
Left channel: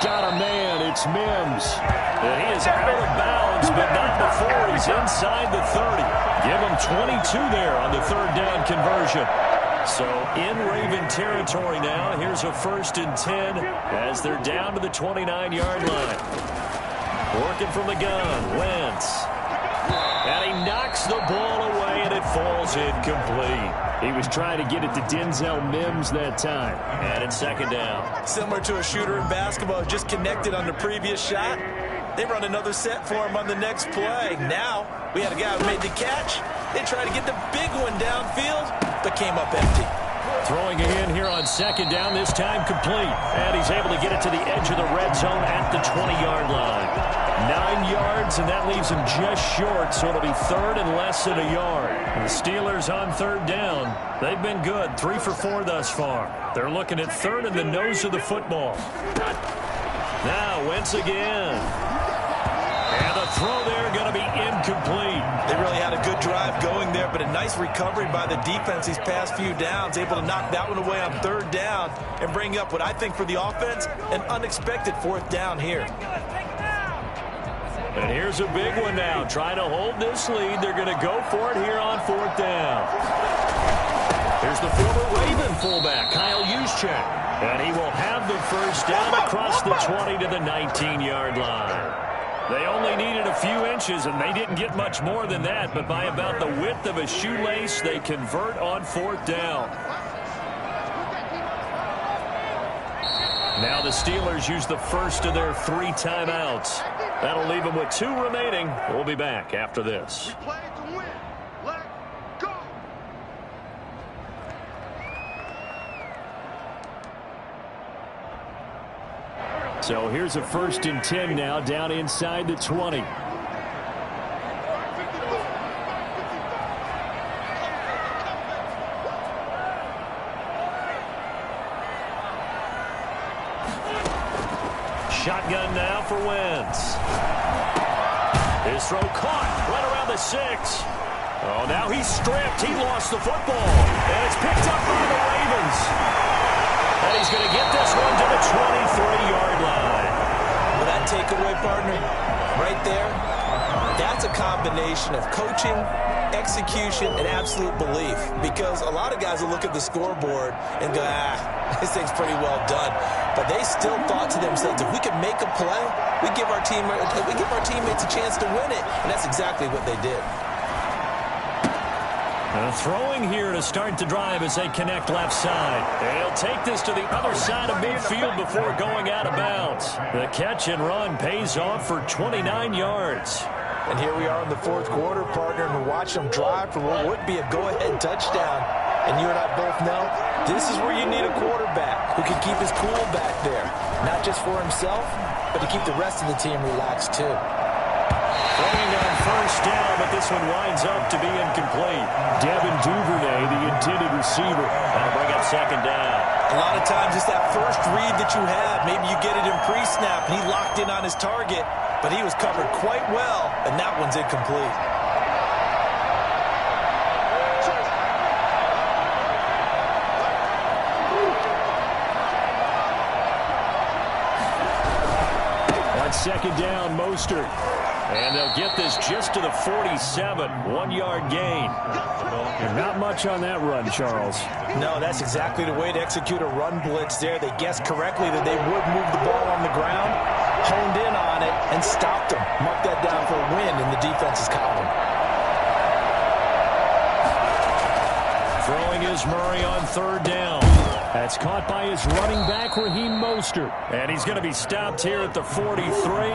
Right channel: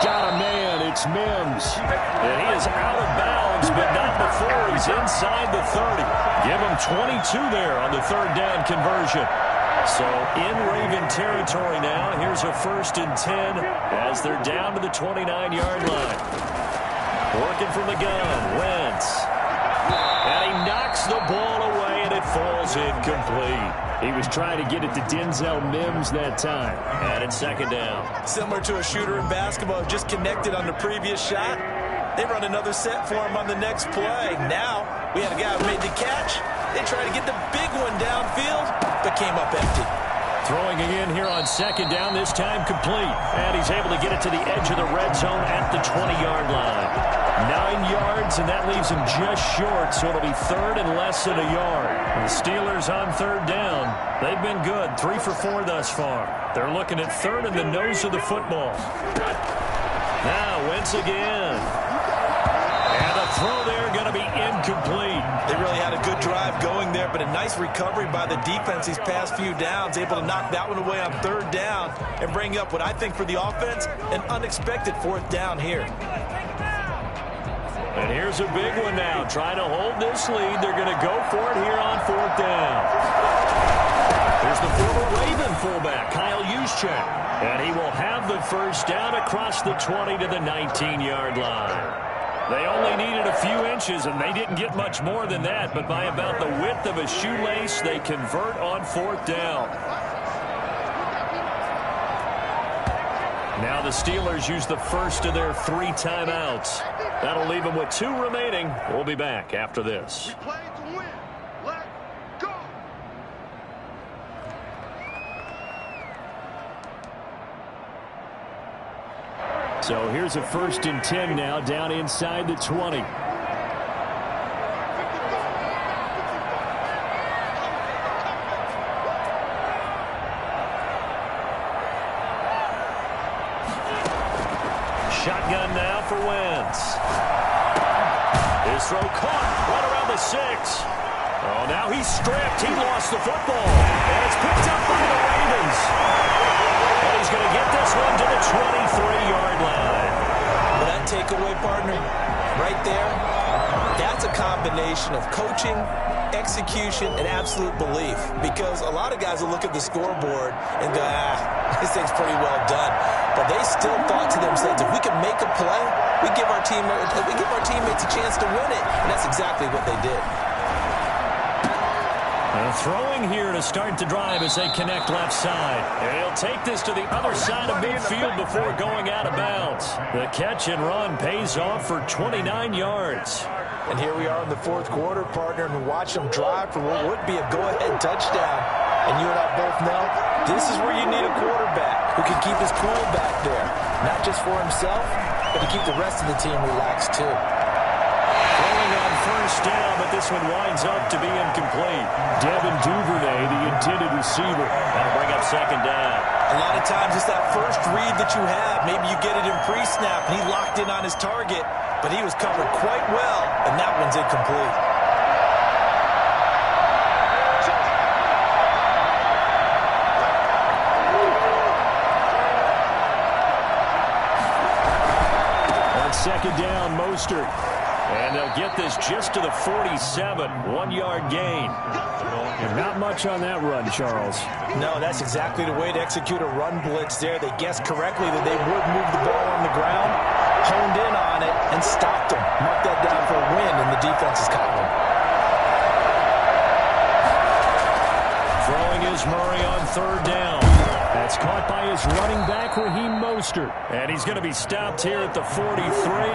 Got a man, it's Mims. And he is out of bounds, but not before he's inside the 30. Give him 22 there on the third down conversion. So in Raven territory now. Here's a 1st and 10 as they're down to the 29-yard line. Working from the gun, Wentz. And he knocks the ball away, and it falls incomplete. He was trying to get it to Denzel Mims that time. And it's second down. Similar to a shooter in basketball, just connected on the previous shot. They run another set for him on the next play. Now, we had a guy who made the catch. They tried to get the big one downfield, but came up empty. Throwing again here on second down, this time complete. And he's able to get it to the edge of the red zone at the 20-yard line. 9 yards, and that leaves him just short, so it'll be third and less than a yard. And the Steelers on third down. They've been good, 3 for 4 thus far. They're looking at third in the nose of the football. Now, Wentz again. And the throw there going to be incomplete. They really had a good drive going there, but a nice recovery by the defense these past few downs, able to knock that one away on third down and bring up what I think for the offense, an unexpected 4th down here. And here's a big one now. Trying to hold this lead. They're going to go for it here on 4th down. Here's the former Raven fullback, Kyle Juszczyk. And he will have the first down across the 20 to the 19-yard line. They only needed a few inches, and they didn't get much more than that. But by about the width of a shoelace, they convert on 4th down. Now the Steelers use the first of their 3 timeouts. That'll leave them with 2 remaining. We'll be back after this. We play to win. Let's go. So here's a 1st and 10 now down inside the 20. Shotgun now for Wentz. His throw caught right around the 6. Oh, now he's stripped. He lost the football. And it's picked up by the Ravens. And he's going to get this one to the 23-yard line. Well, that takeaway, partner, right there, that's a combination of coaching, execution, and absolute belief. Because a lot of guys will look at the scoreboard and go, this thing's pretty well done. But they still thought to themselves, if we can make a play, we give our teammates a chance to win it. And that's exactly what they did. Throwing here to start the drive as they connect left side. He'll take this to the other side of midfield before going out of bounds. The catch and run pays off for 29 yards. And here we are in the 4th quarter, partner, and watch them drive for what would be a go-ahead touchdown. And you and I both know this is where you need a quarterback who can keep his cool back there. Not just for himself, but to keep the rest of the team relaxed too. Throwing on first down, but this one winds up to be incomplete. Devin Duvernay, the intended receiver. That'll bring up second down. A lot of times it's that first read that you have. Maybe you get it in pre-snap, and he locked in on his target, but he was covered quite well, and that one's incomplete. On second down, Mostert. And they'll get this just to the 47, 1-yard gain. And not much on that run, Charles. No, that's exactly the way to execute a run blitz there. They guessed correctly that they would move the ball on the ground, honed in on it, and stopped them. Mark that down for a win in the defense's column. Throwing is Murray on 3rd down. That's caught by his running back, Raheem Mostert. And he's going to be stopped here at the 43,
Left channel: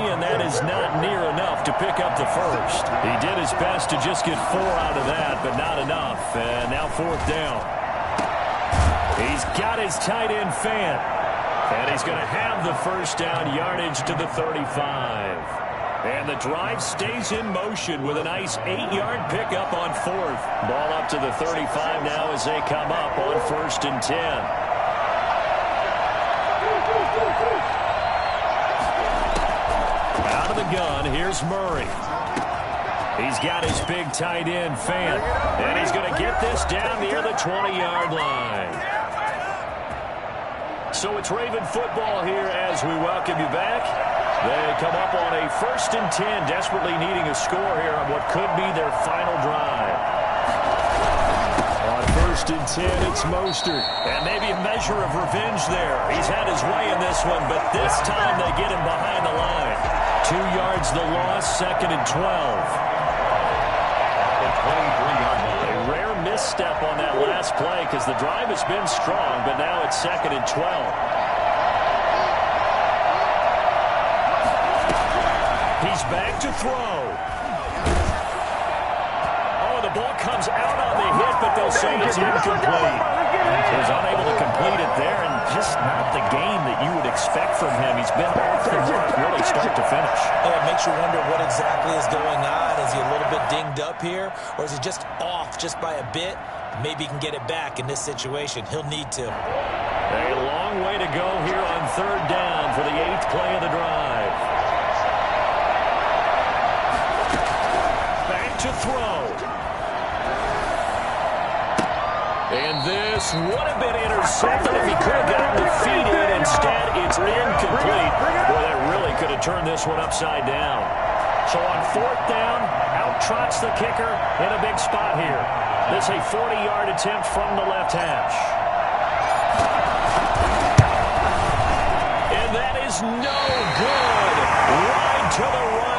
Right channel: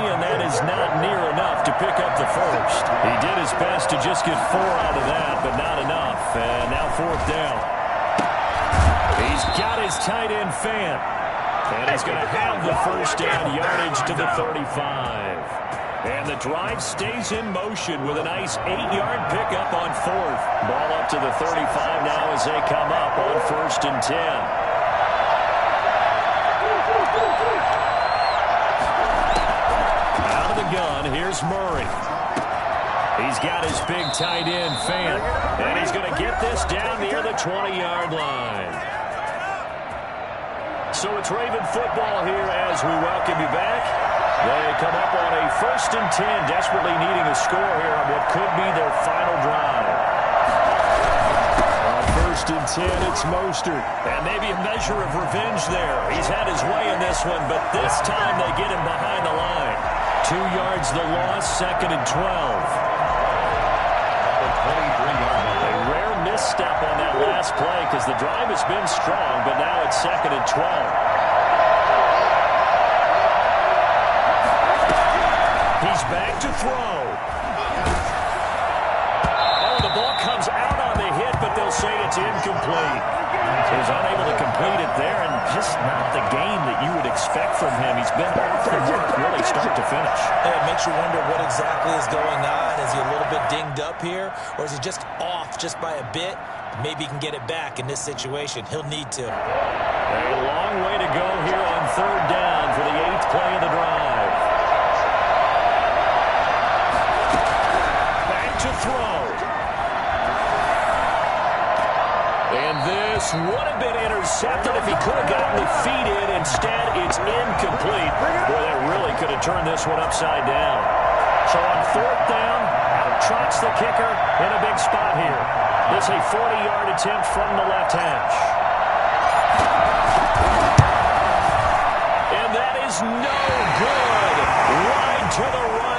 and that is not near enough to pick up the first. He did his best to just get 4 out of that, but not enough. And now 4th down. He's got his tight end fan. And he's going to have the first down, yardage to the 35. And the drive stays in motion with a nice 8-yard pickup on 4th. Ball up to the 35 now as they come up on 1st and 10. Out of the gun, here's Murray. He's got his big tight end fan. And he's going to get this down near the 20-yard line. So it's Raven football here as we welcome you back. They come up on a 1st and 10, desperately needing a score here on what could be their final drive. On 1st and 10, it's Mostert. And maybe a measure of revenge there. He's had his way in this one, but this time they get him behind the line. 2 yards the loss, 2nd and 12. The 23-yard line. A rare misstep on that last play because the drive has been strong, but now it's 2nd and 12. He's back to throw. Oh, the ball comes out on the hit, but they'll say it's incomplete. He's unable to complete it there, and just not the game that you would expect from him. He's been off the mark really start to finish. It makes you wonder what exactly is going on. Is he a little bit dinged up here, or is he just off just by a bit? Maybe he can get it back in this situation. He'll need to. A long way to go here on 3rd down for the 8th play of the drive. To throw. And this would have been intercepted if he could have gotten the feet in. Instead, it's incomplete. Boy, that really could have turned this one upside down. So on 4th down, out trots the kicker in a big spot here. This a 40-yard attempt from the left hash. And that is no good. Wide to the right.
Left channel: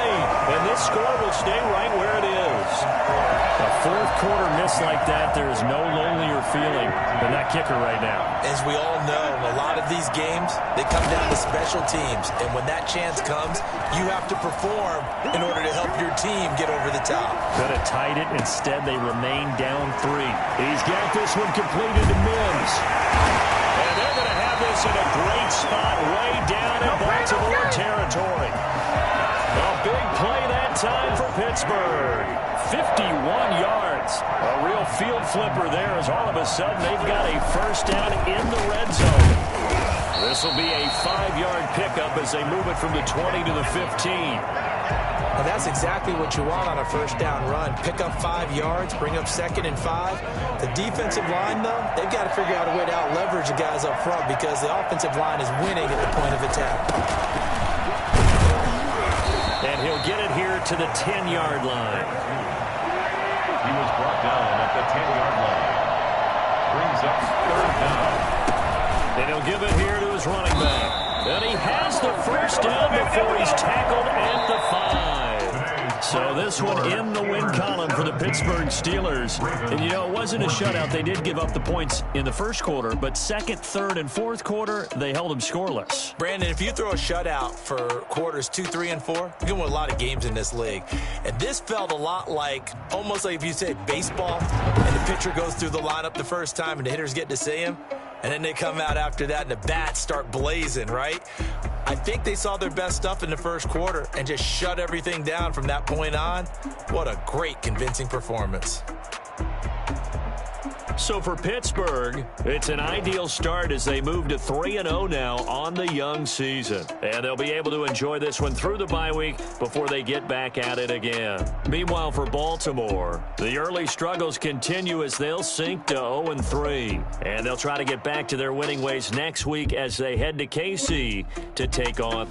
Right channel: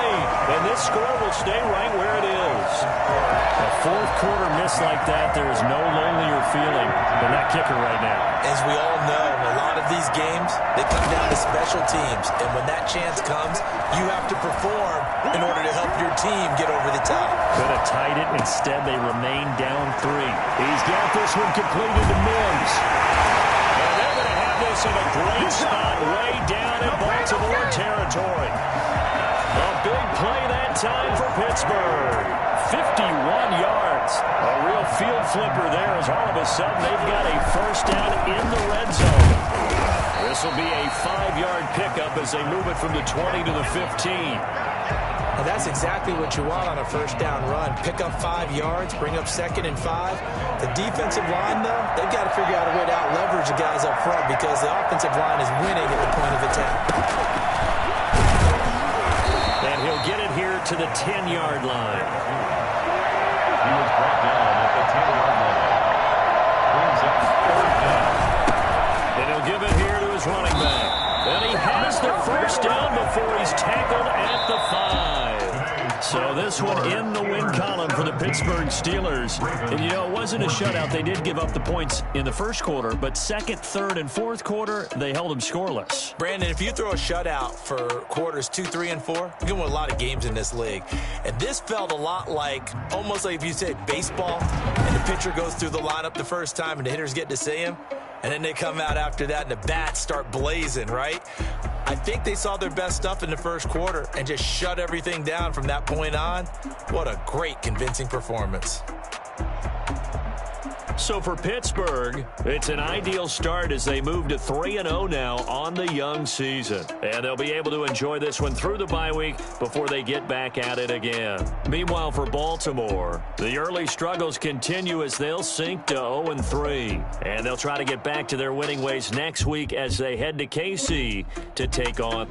And this score will stay right where it is. A 4th quarter miss like that, there is no lonelier feeling than that kicker right now. As we all know, a lot of these games, they come down to special teams. And when that chance comes, you have to perform in order to help your team get over the top. Could have tied it. Instead, they remain down 3. He's got this one completed to Mims. And they're going to have this in a great spot way down in Baltimore territory. A big play that time for Pittsburgh. 51 yards. A real field flipper there as all of a sudden they've got a first down in the red zone. This will be a 5-yard pickup as they move it from the 20 to the 15. Now that's exactly what you want on a first down run. Pick up 5 yards, bring up 2nd and 5. The defensive line, though, they've got to figure out a way to out-leverage the guys up front because the offensive line is winning at the point of attack. And he'll get it here to the 10-yard line. He was brought down at the 10-yard line. Brings up 3rd down. And he'll give it here to his running back. And he has the first down before he's tackled at the 5. So this one in the win column for the Pittsburgh Steelers. And, you know, it wasn't a shutout. They did give up the points in the first quarter, but 2nd, 3rd, and 4th quarter, they held them scoreless. Brandon, if you throw a shutout for quarters 2, 3, and 4, you're going to win a lot of games in this league. And this felt a lot like, almost like if you say baseball, and the pitcher goes through the lineup the first time and the hitters get to see him, and then they come out after that and the bats start blazing, right? I think they saw their best stuff in the first quarter and just shut everything down from that point on. What a great, convincing performance. So for Pittsburgh, it's an ideal start as they move to 3-0 now on the young season. And they'll be able to enjoy this one through the bye week before they get back at it again. Meanwhile, for Baltimore, the early struggles continue as they'll sink to 0-3. And they'll try to get back to their winning ways next week as they head to KC to take on